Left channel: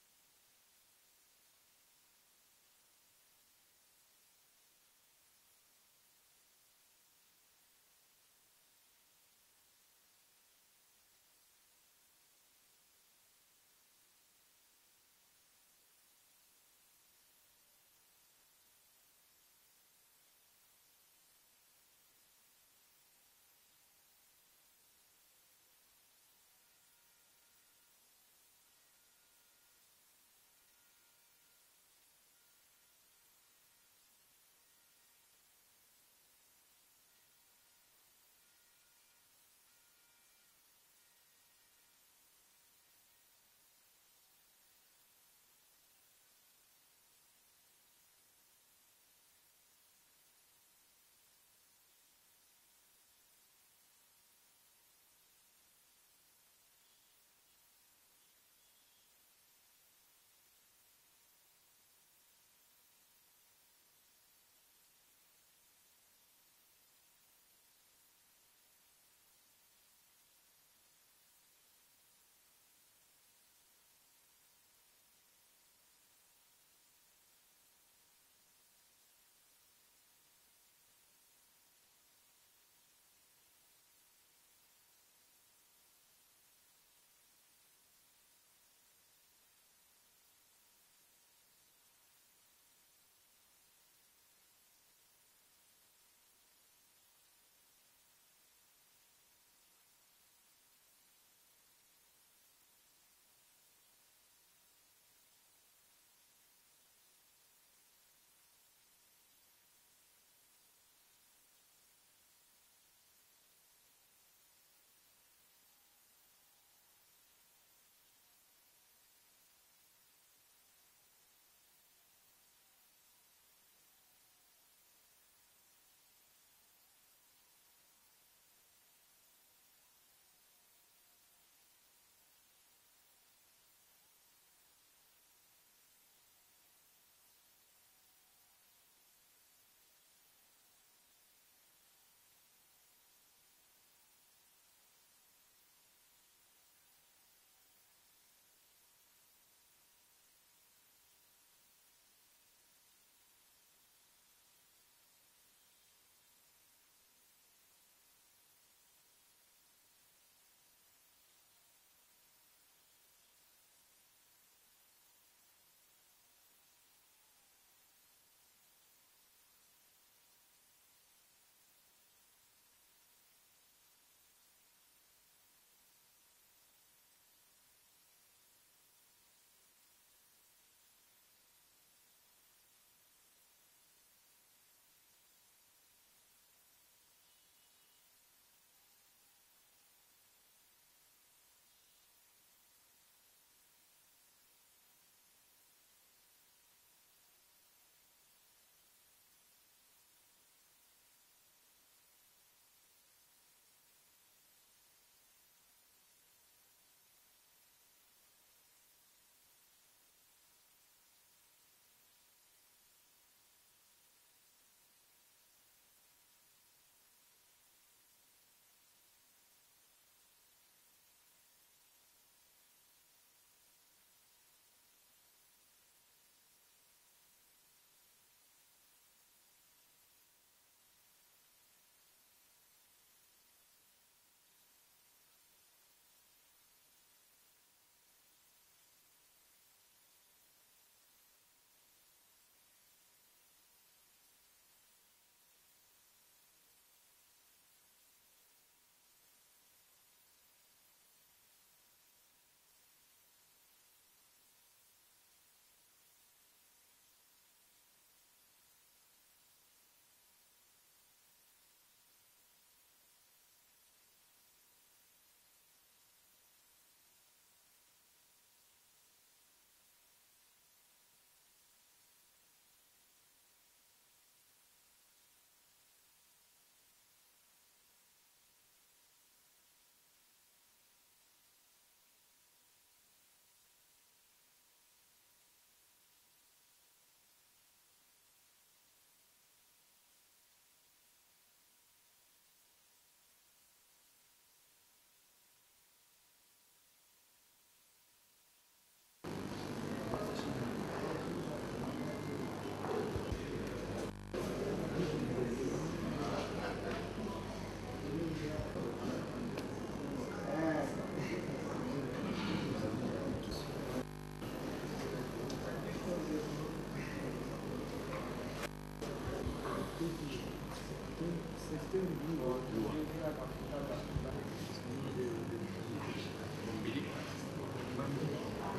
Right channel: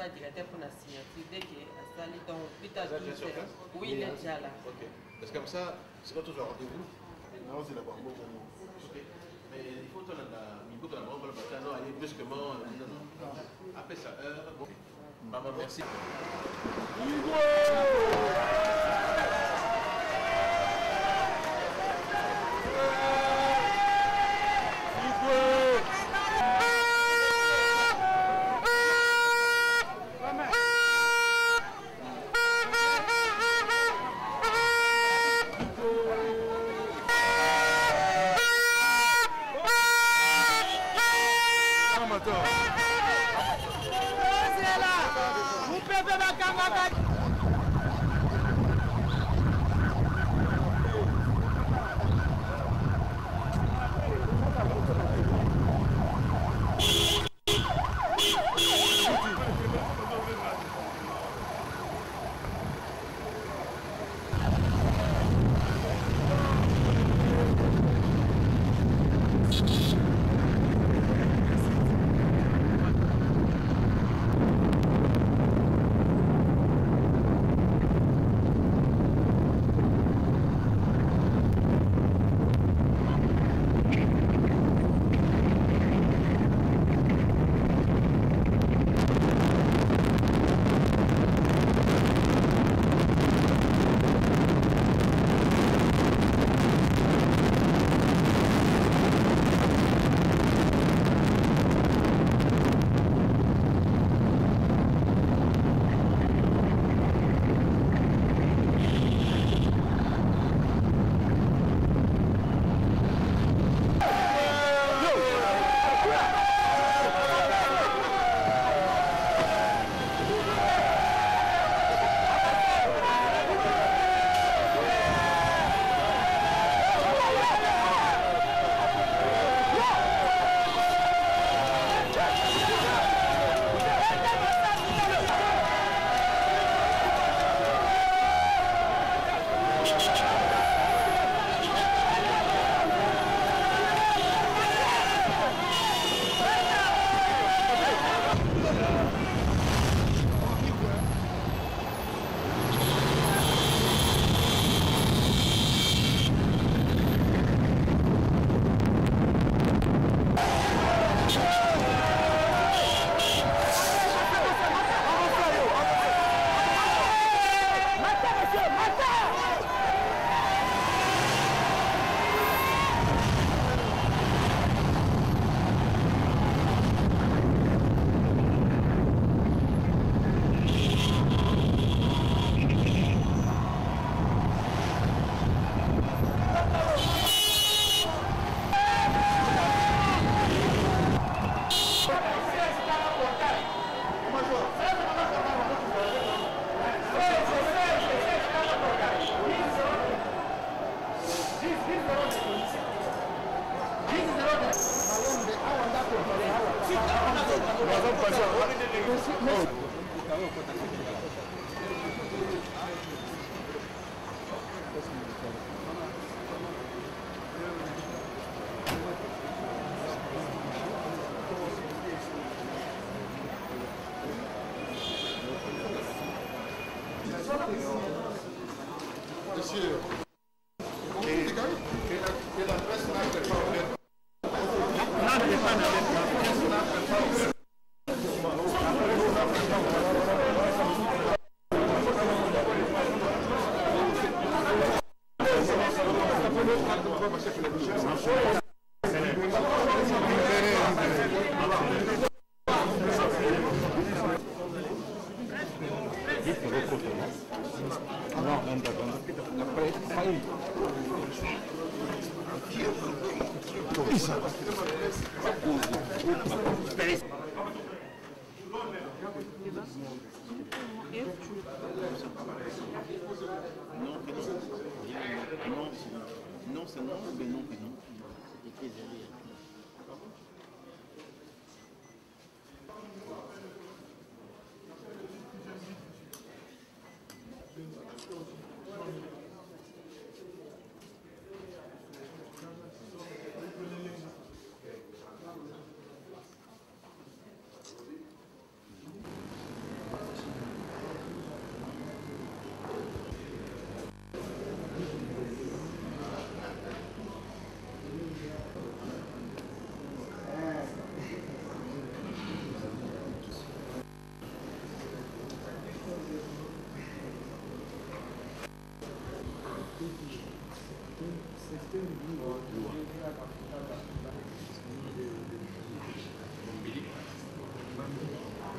pas directeur pour la signature. Dès qu'il est à salle, donc plus tard, oui, il est déjà là. Ok. Parce que comme ça, c'est pas toujours rendez-vous. Non, c'est d'abord bon. Mais il faut que la banque va aller brusquement. Après ça, bon. Maman, merci. Monsieur, que la presse n'a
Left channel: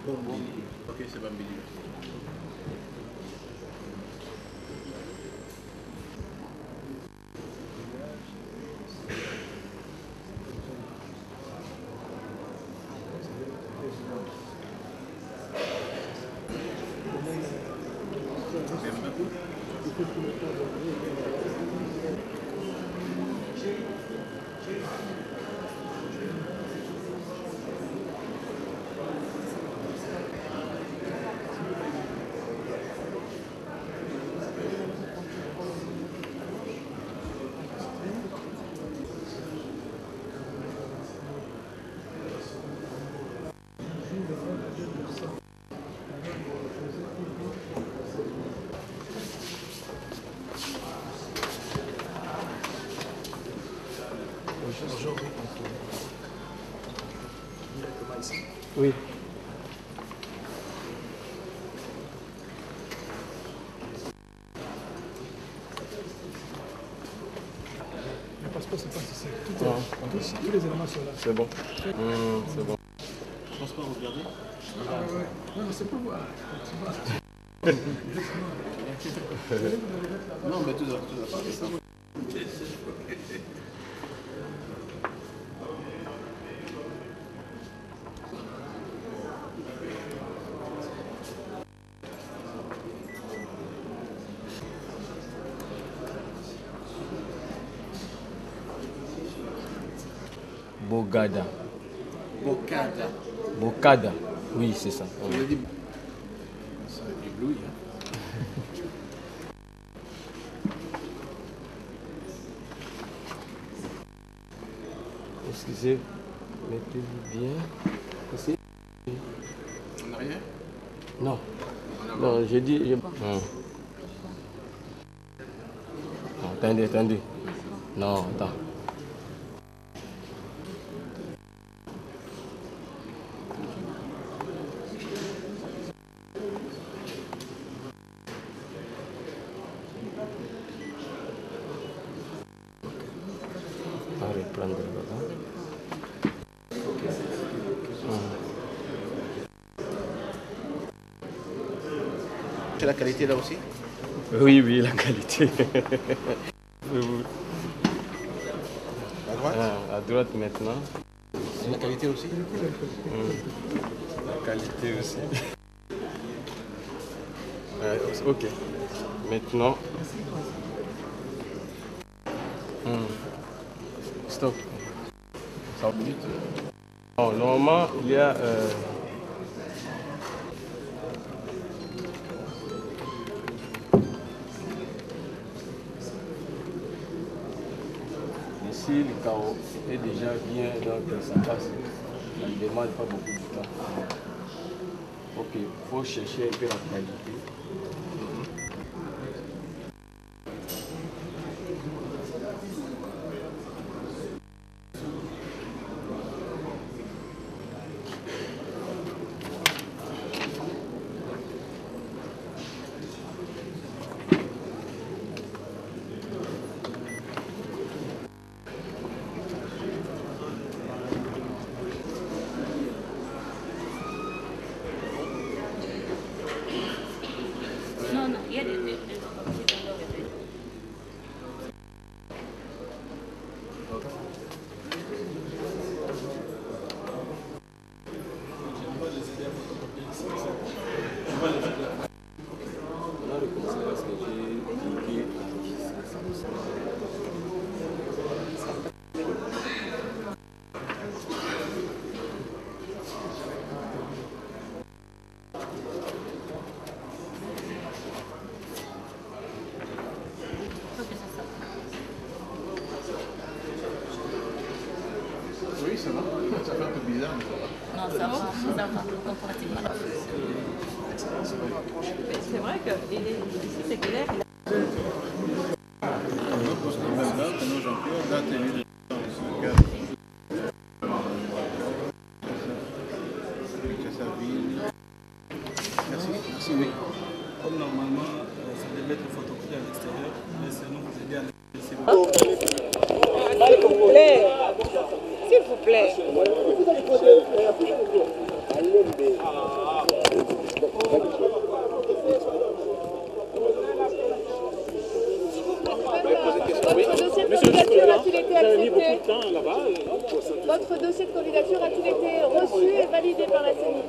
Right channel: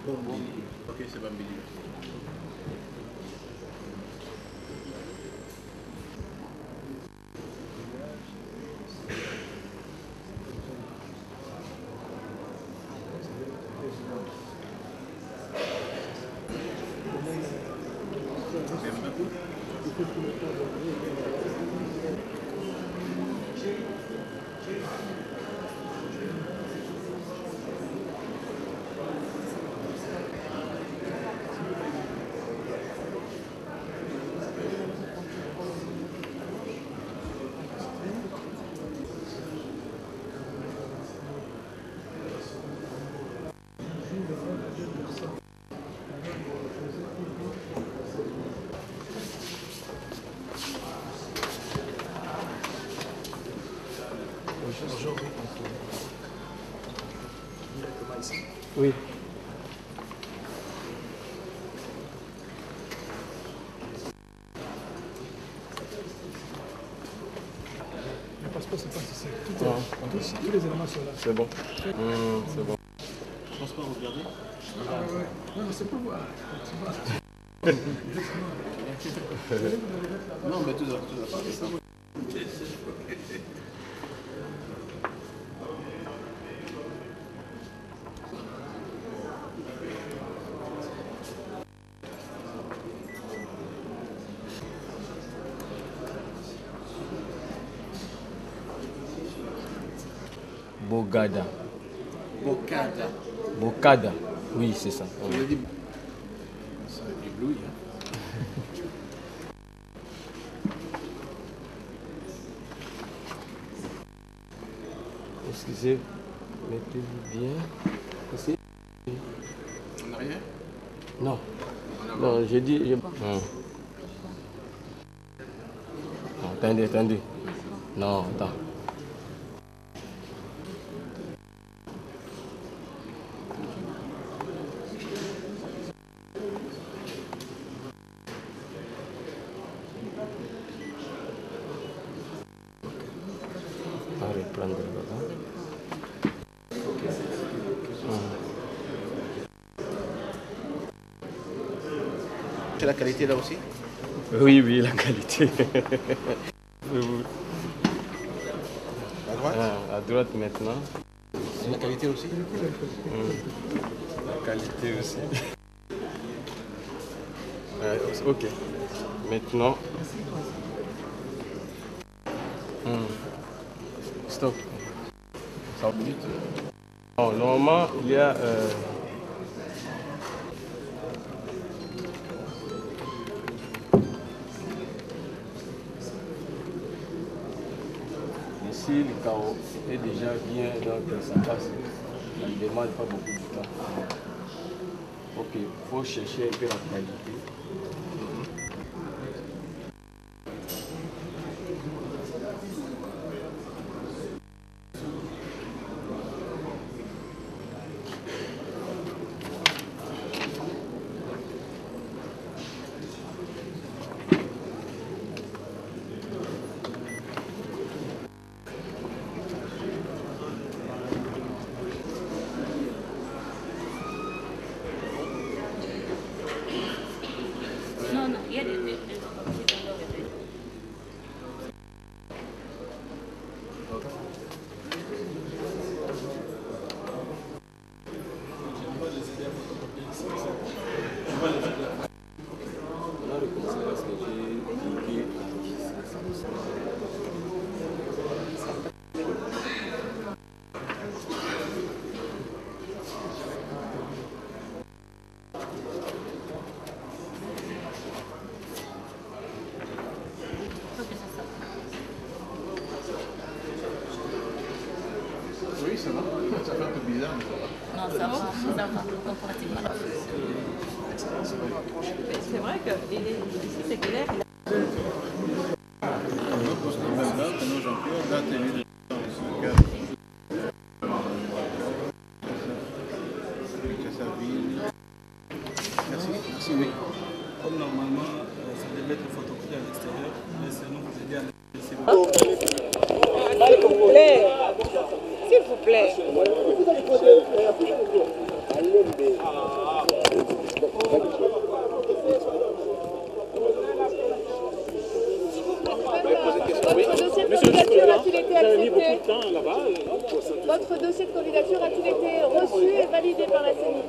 Bambili. Ok, c'est Bambili. Oui. Le passeport, c'est pas si tous les éléments sont là. C'est bon. C'est bon. Passeport, regardez. Ah ouais. Non, mais c'est pour voir. Non, mais tout ça, c'est ça. Bogada. Bocada. Bocada. Oui, c'est ça. On a dit. Ça éblouit, hein. Excusez, mettez-vous bien. Ici. En arrière? Non. Non, j'ai dit. Non, attendez. Non, attends. On va reprendre là-bas. C'est la qualité là aussi? Oui, la qualité. À droite? À droite maintenant. La qualité aussi? La qualité aussi. Ok. Maintenant. Stop. Ça bon, normalement, il y a. Ici, le carreau est déjà bien, donc ça passe. Il ne demande pas beaucoup de temps. Ok, il faut chercher un peu la qualité. Non, il y a des Oui, ça va. Ça fait un peu bizarre, mais ça va. Non, ça va, comparativement. C'est vrai que ici c'est clair. Jean-Pierre, date et lieu de c'est sa ville. Merci, oui. Comme normalement, ça devait être photocopié à l'extérieur, laissez-nous vous aider à l'extérieur. S'il vous plaît. dossier de candidature a-t-il été reçu et validé par la CENI?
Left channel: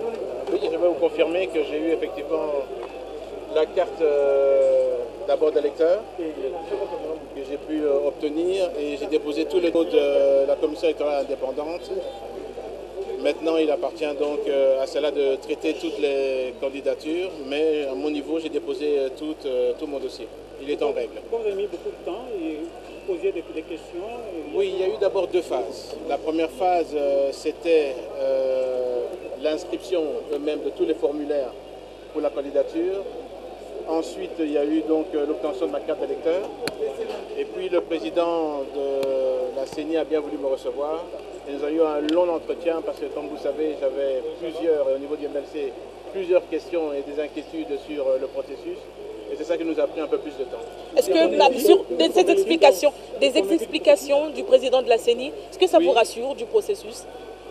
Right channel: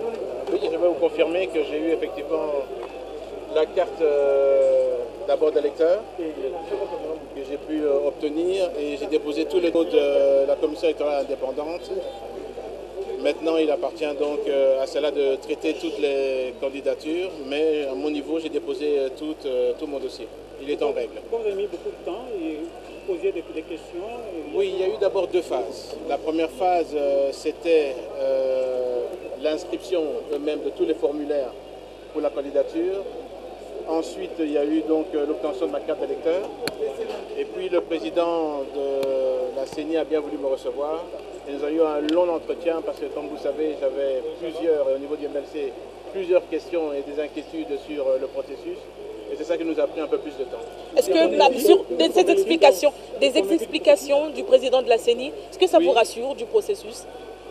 Oui, je vais vous confirmer que j'ai eu effectivement la carte d'abord d'électeur que j'ai pu obtenir et j'ai déposé tous les codes de la commission électorale indépendante. Maintenant, il appartient donc à cela de traiter toutes les candidatures, mais à mon niveau, j'ai déposé tout mon dossier. Il est en règle. Vous avez mis beaucoup de temps et vous posiez des questions. Oui, il y a eu d'abord deux phases. La première phase, c'était l'inscription eux-mêmes de tous les formulaires pour la candidature. Ensuite, il y a eu donc l'obtention de ma carte d'électeur. Et puis le président de la CENI a bien voulu me recevoir. Et nous avons eu un long entretien parce que, comme vous savez, j'avais au niveau du MLC, plusieurs questions et des inquiétudes sur le processus. Et c'est ça qui nous a pris un peu plus de temps. Est-ce que sur ces explications du président de la CENI, est-ce que ça vous rassure du processus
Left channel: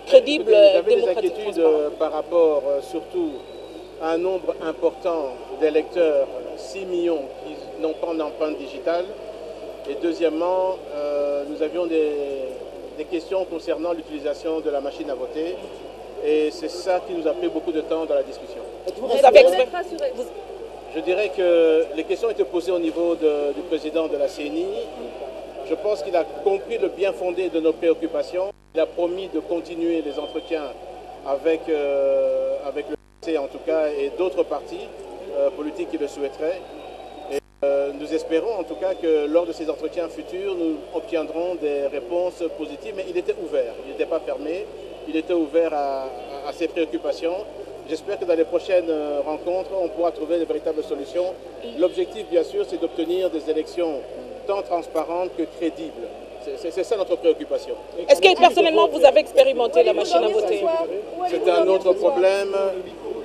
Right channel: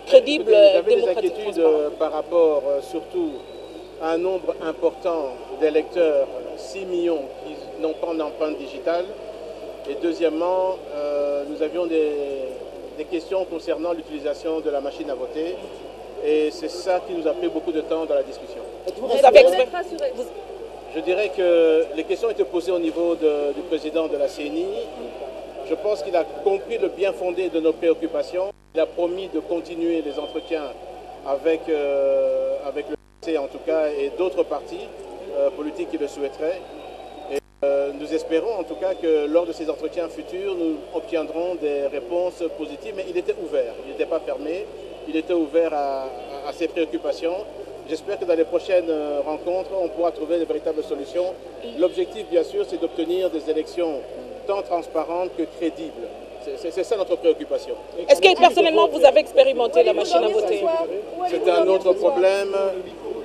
crédible, j'avais des démocratique, inquiétudes par rapport surtout à un nombre important d'électeurs, 6 millions qui n'ont pas d'empreinte digitale. Et deuxièmement, nous avions des questions concernant l'utilisation de la machine à voter. Et c'est ça qui nous a pris beaucoup de temps dans la discussion. Je dirais que les questions étaient posées au niveau du président de la CENI. Je pense qu'il a compris le bien fondé de nos préoccupations. Il a promis de continuer les entretiens avec le PC en tout cas et d'autres partis politiques qui le souhaiteraient. Et nous espérons en tout cas que lors de ces entretiens futurs, nous obtiendrons des réponses positives. Mais il était ouvert, il n'était pas fermé, il était ouvert à ces préoccupations. J'espère que dans les prochaines rencontres, on pourra trouver de véritables solutions. L'objectif, bien sûr, c'est d'obtenir des élections tant transparentes que crédibles. C'est ça notre préoccupation. Est-ce que personnellement, vous avez expérimenté la machine à voter? C'est un autre problème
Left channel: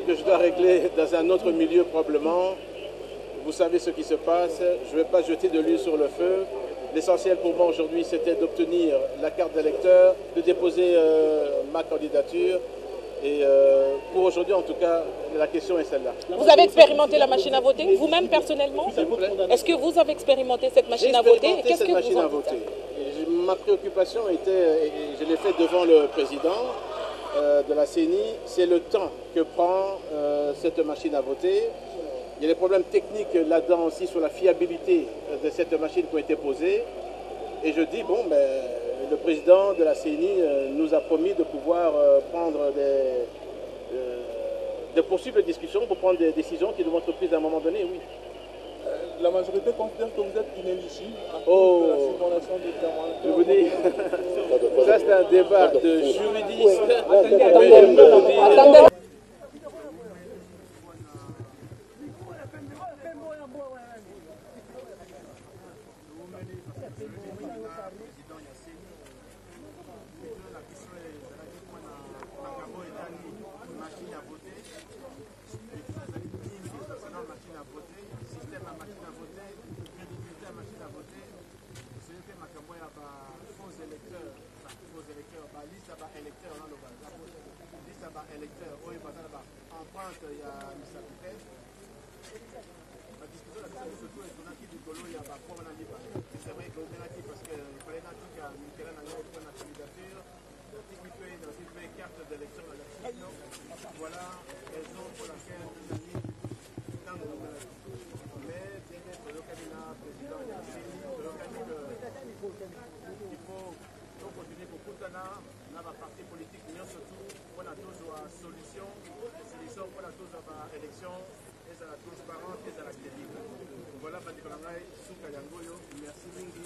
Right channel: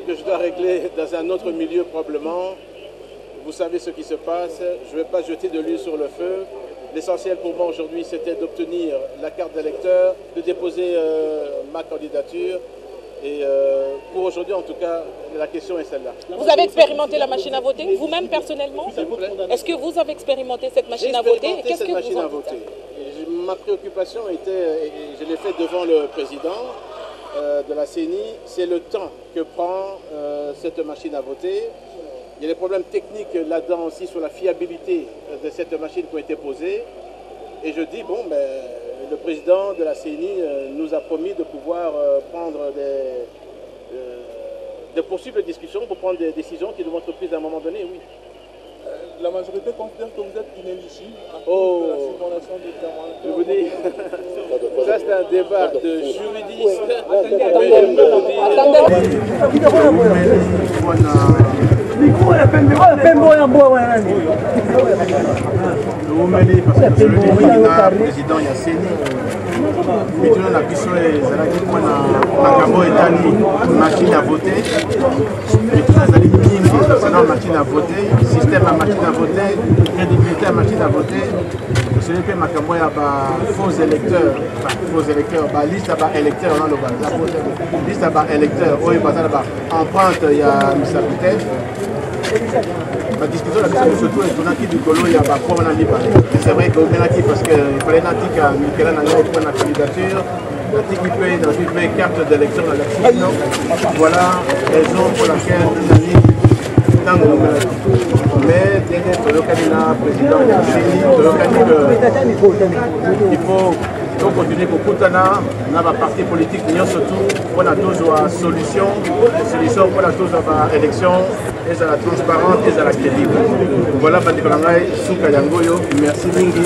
que je dois régler dans un autre milieu probablement. Vous savez ce qui se passe. Je ne vais pas jeter de l'huile sur le feu. L'essentiel pour moi aujourd'hui, c'était d'obtenir la carte d'électeur, de déposer ma candidature. Et pour aujourd'hui, en tout cas, la question est celle-là. Vous avez expérimenté la machine à voter, vous-même personnellement? Est-ce que vous avez expérimenté cette machine à voter? Qu'est-ce que vous en dites? Ma préoccupation était, et je l'ai fait devant le président de la CENI, c'est le temps que prend cette machine à voter. Il y a des problèmes techniques là-dedans aussi sur la fiabilité de cette machine qui ont été posées. Et je dis, bon, ben, le président de la CENI nous a promis de pouvoir prendre des possibles discussions pour prendre des décisions qui devront être prises à un moment donné, oui. La majorité considère que vous êtes inéligible à cause de la circulation des témoins. Je vous dis, ça c'est un débat de juridistes. Lumeli parce que je le dis na président ya CENI mituna na biso ezalaki mpona makambo etali machine à voter mituna ezali mingi concernant machine à voter système ya machine à voter crédibilité ya machine à voter oseli mpe makambo ya bafaux électeurs baliste ya baélecteur wana loba liste ya baélecteur oyo baza na baempreinte ya misapite la discussion surtout est tournée du colo, il y a pas pour c'est vrai que parce qu'il fallait natika Michela Nanga pour la candidature, natika peut dans une carte d'élection dans la voilà raison pour laquelle dans le mais derrière le candidat président de la CENI, il faut continuer pour Koutana, dans la partie politique, surtout pour la solution pour la élection, et à la transparence et à la crédible. Voilà, Bandikolangai, Souka Yangoyo, merci Mingi.